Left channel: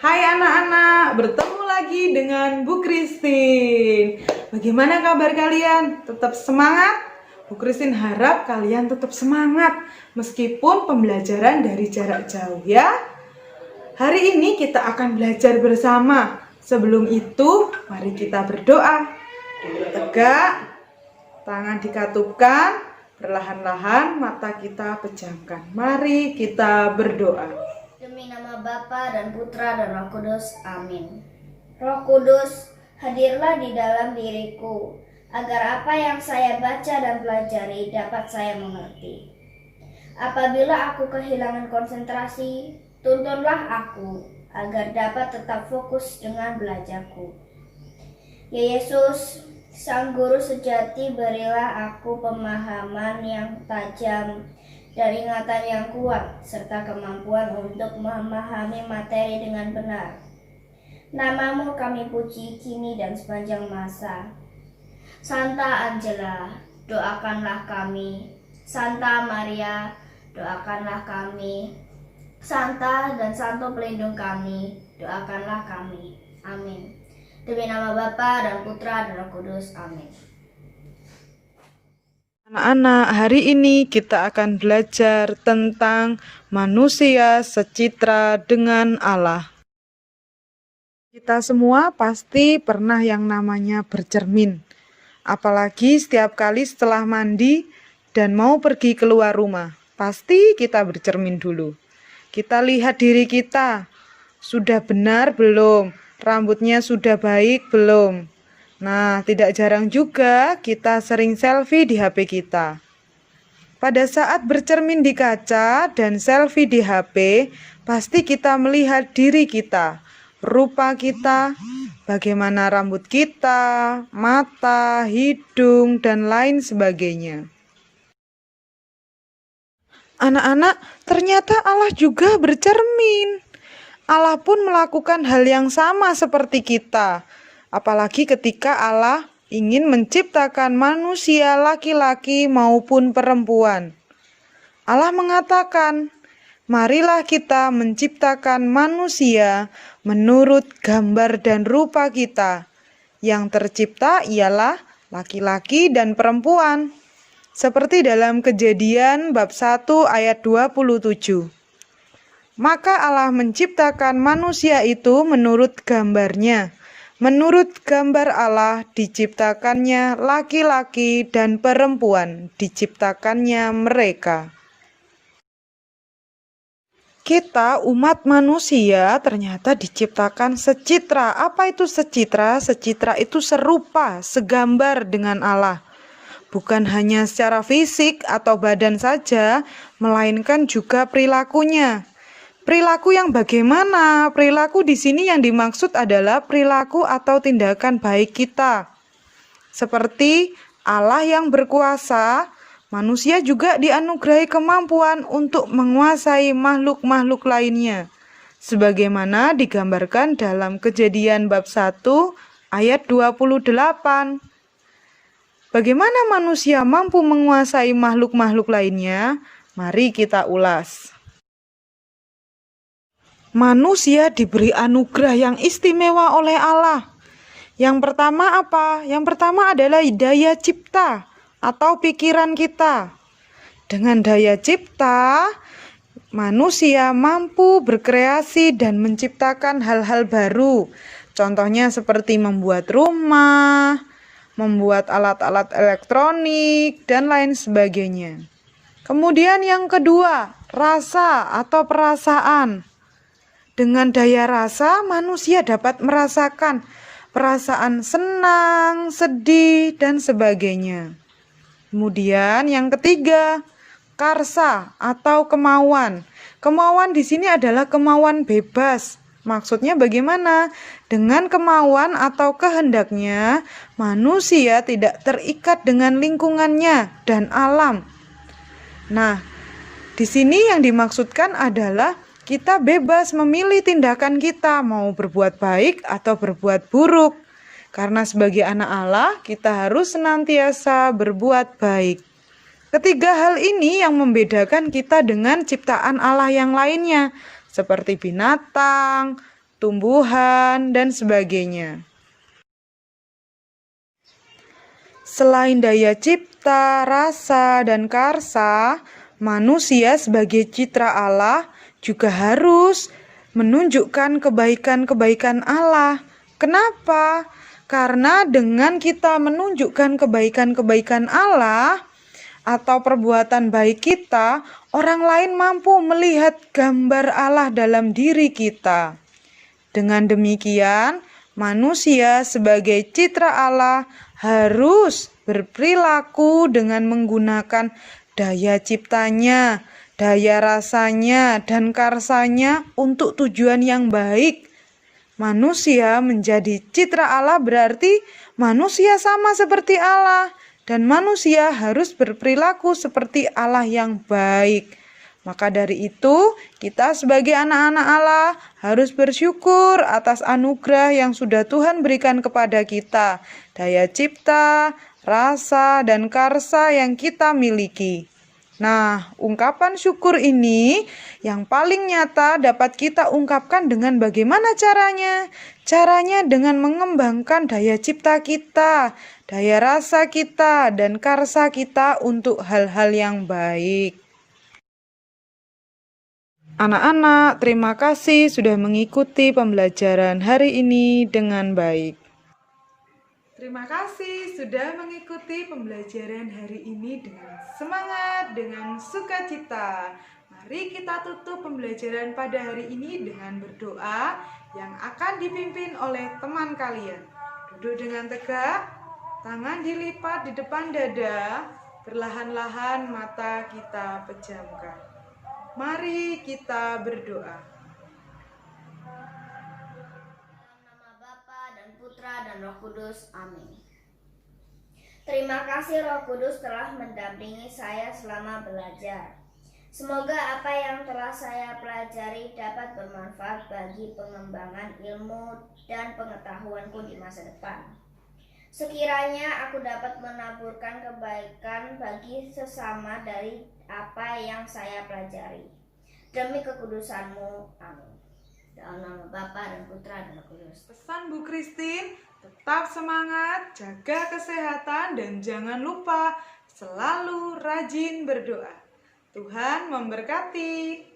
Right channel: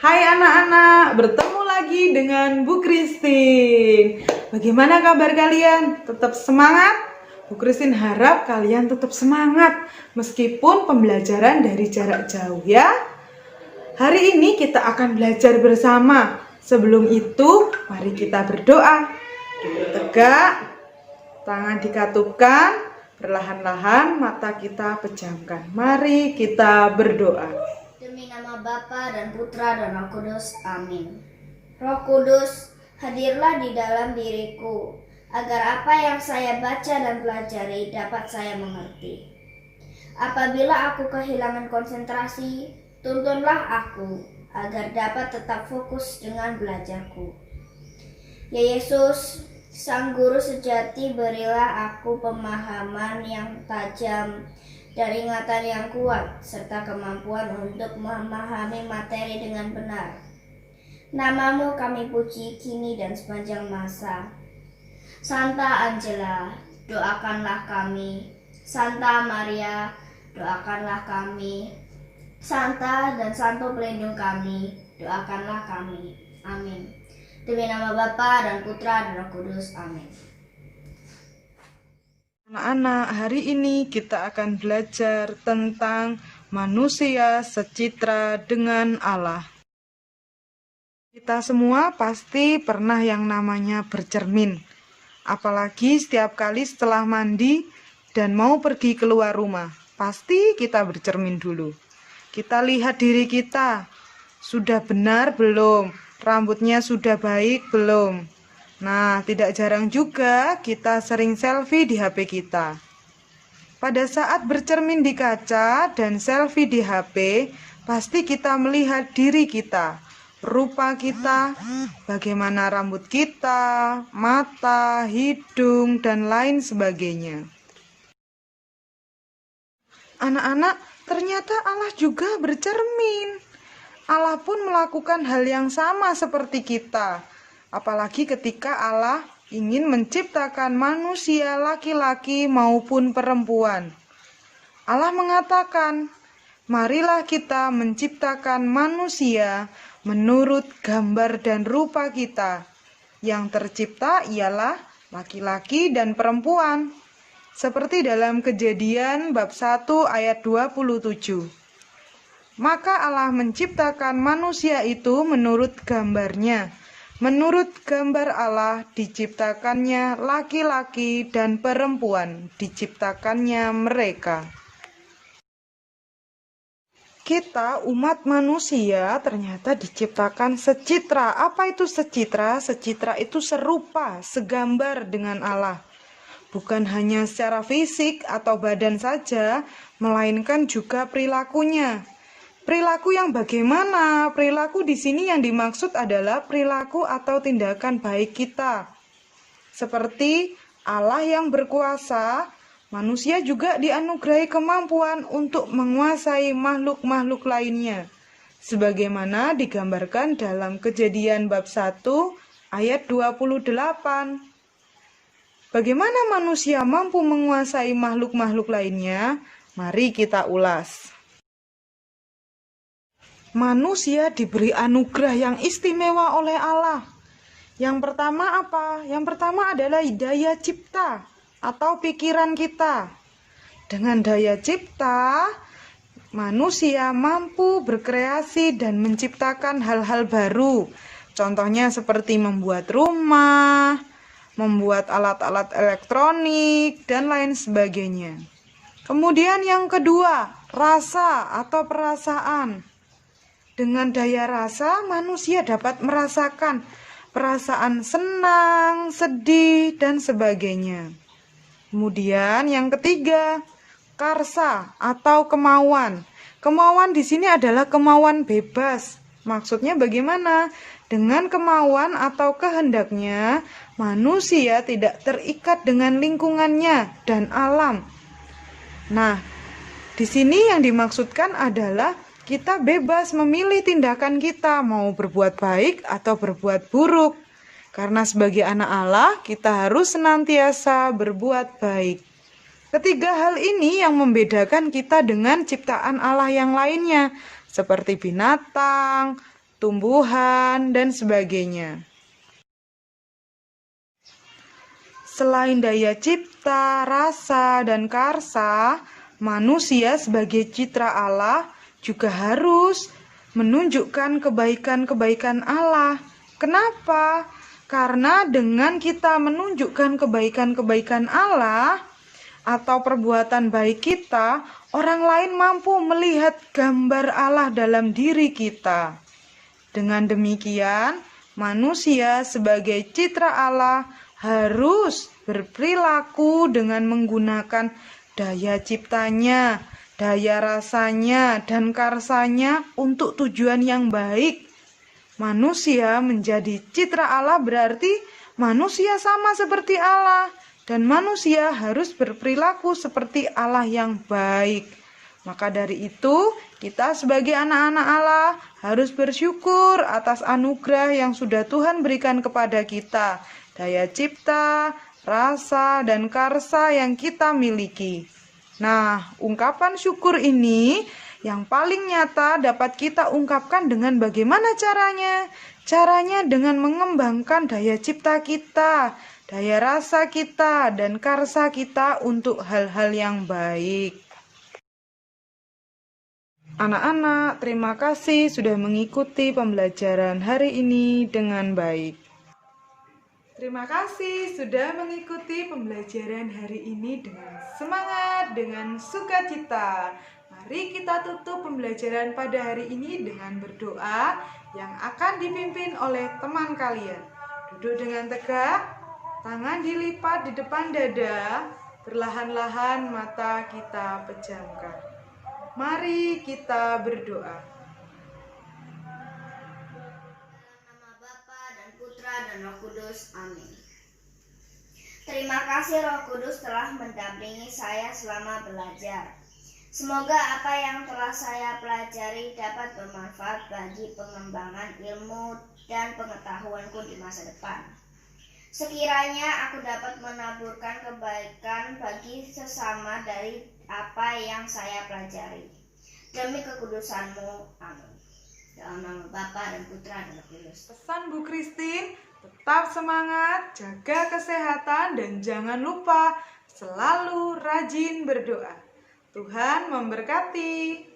Hai anak-anak, bertemu lagi dengan Bu Christine. Bagaimana kabar kalian? Tetap semangat? Bu Christine harap kalian tetap semangat meskipun pembelajaran dari jarak jauh ya. Hari ini kita akan belajar bersama. Sebelum itu, mari kita berdoa. Duduk tegak, tangan dikatupkan, perlahan-lahan mata kita pejamkan. Mari kita berdoa. Demi nama Bapa dan Putra dan Roh Kudus, amin. Roh Kudus, hadirlah di dalam diriku, agar apa yang saya baca dan pelajari dapat saya mengerti. Apabila aku kehilangan konsentrasi, tuntunlah aku, agar dapat tetap fokus dengan belajarku. Ya Yesus, Sang Guru sejati, berilah aku pemahaman yang tajam dan ingatan yang kuat, serta kemampuan untuk memahami materi dengan benar. Namamu kami puji kini dan sepanjang masa. Santa Angela, doakanlah kami. Santa Maria, doakanlah kami. Santa dan Santo pelindung kami, doakanlah kami. Amin. Demi nama Bapa dan Putra dan Roh Kudus, amin. Anak-anak, hari ini kita akan belajar tentang manusia secitra dengan Allah. Kita semua pasti pernah yang namanya bercermin. Apalagi setiap kali setelah mandi dan mau pergi keluar rumah, pasti kita bercermin dulu. Kita lihat diri kita, sudah benar belum? Rambutnya sudah baik belum? Nah, tidak jarang juga kita sering selfie di HP kita. Pada saat bercermin di kaca dan selfie di HP, pasti kita melihat diri kita, rupa kita, bagaimana rambut kita, mata, hidung, dan lain sebagainya. Anak-anak, ternyata Allah juga bercermin. Allah pun melakukan hal yang sama seperti kita. Apalagi ketika Allah ingin menciptakan manusia laki-laki maupun perempuan. Allah mengatakan, marilah kita menciptakan manusia menurut gambar dan rupa kita. Yang tercipta ialah laki-laki dan perempuan. Seperti dalam Kejadian bab 1 ayat 27. Maka Allah menciptakan manusia itu menurut gambarnya. Menurut gambar Allah diciptakannya laki-laki dan perempuan, diciptakannya mereka. Kita umat manusia ternyata diciptakan secitra. Apa itu secitra? Secitra itu serupa, segambar dengan Allah. Bukan hanya secara fisik atau badan saja, melainkan juga perilakunya. Perilaku yang bagaimana? Perilaku di sini yang dimaksud adalah perilaku atau tindakan baik kita. Seperti Allah yang berkuasa, manusia juga dianugerahi kemampuan untuk menguasai makhluk-makhluk lainnya. Sebagaimana digambarkan dalam Kejadian bab 1 ayat 28. Bagaimana manusia mampu menguasai makhluk-makhluk lainnya? Mari kita ulas. Manusia diberi anugerah yang istimewa oleh Allah. Yang pertama apa? Yang pertama adalah daya cipta atau pikiran kita. Dengan daya cipta, manusia mampu berkreasi dan menciptakan hal-hal baru. Contohnya seperti membuat rumah, membuat alat-alat elektronik, dan lain sebagainya. Kemudian yang kedua, rasa atau perasaan. Dengan daya rasa, manusia dapat merasakan perasaan senang, sedih, dan sebagainya. Kemudian yang ketiga, karsa atau kemauan. Kemauan di sini adalah kemauan bebas. Maksudnya bagaimana? Dengan kemauan atau kehendaknya, manusia tidak terikat dengan lingkungannya dan alam. Nah, di sini yang dimaksudkan adalah kita bebas memilih tindakan kita, mau berbuat baik atau berbuat buruk. Karena sebagai anak Allah, kita harus senantiasa berbuat baik. Ketiga hal ini yang membedakan kita dengan ciptaan Allah yang lainnya, seperti binatang, tumbuhan, dan sebagainya. Selain daya cipta, rasa, dan karsa, manusia sebagai citra Allah juga harus menunjukkan kebaikan-kebaikan Allah. Kenapa? Karena dengan kita menunjukkan kebaikan-kebaikan Allah atau perbuatan baik kita, orang lain mampu melihat gambar Allah dalam diri kita. Dengan demikian, manusia sebagai citra Allah harus berperilaku dengan menggunakan daya ciptanya, daya rasanya, dan karsanya untuk tujuan yang baik. Manusia menjadi citra Allah berarti manusia sama seperti Allah, dan manusia harus berperilaku seperti Allah yang baik. Maka dari itu, kita sebagai anak-anak Allah harus bersyukur atas anugerah yang sudah Tuhan berikan kepada kita, daya cipta, rasa, dan karsa yang kita miliki. Nah, ungkapan syukur ini yang paling nyata dapat kita ungkapkan dengan bagaimana caranya? Caranya dengan mengembangkan daya cipta kita, daya rasa kita, dan karsa kita untuk hal-hal yang baik. Anak-anak, terima kasih sudah mengikuti pembelajaran hari ini dengan baik. Terima kasih sudah mengikuti pembelajaran hari ini dengan semangat, dengan sukacita. Mari kita tutup pembelajaran pada hari ini dengan berdoa yang akan dipimpin oleh teman kalian. Duduk dengan tegak, tangan dilipat di depan dada, perlahan-lahan mata kita pejamkan. Mari kita berdoa. Nama Bapa dan Putra dan Roh Kudus. Amin. Terima kasih Roh Kudus telah mendampingi saya selama belajar. Semoga apa yang telah saya pelajari dapat bermanfaat bagi pengembangan ilmu dan pengetahuanku di masa depan. Sekiranya aku dapat menaburkan kebaikan bagi sesama dari apa yang saya pelajari. Demi kekudusan-Mu. Amin. Dalam nama Bapa dan Putra dan Roh Kudus. Pesan Bu Christine, tetap semangat, jaga kesehatan, dan jangan lupa selalu rajin berdoa. Tuhan memberkati.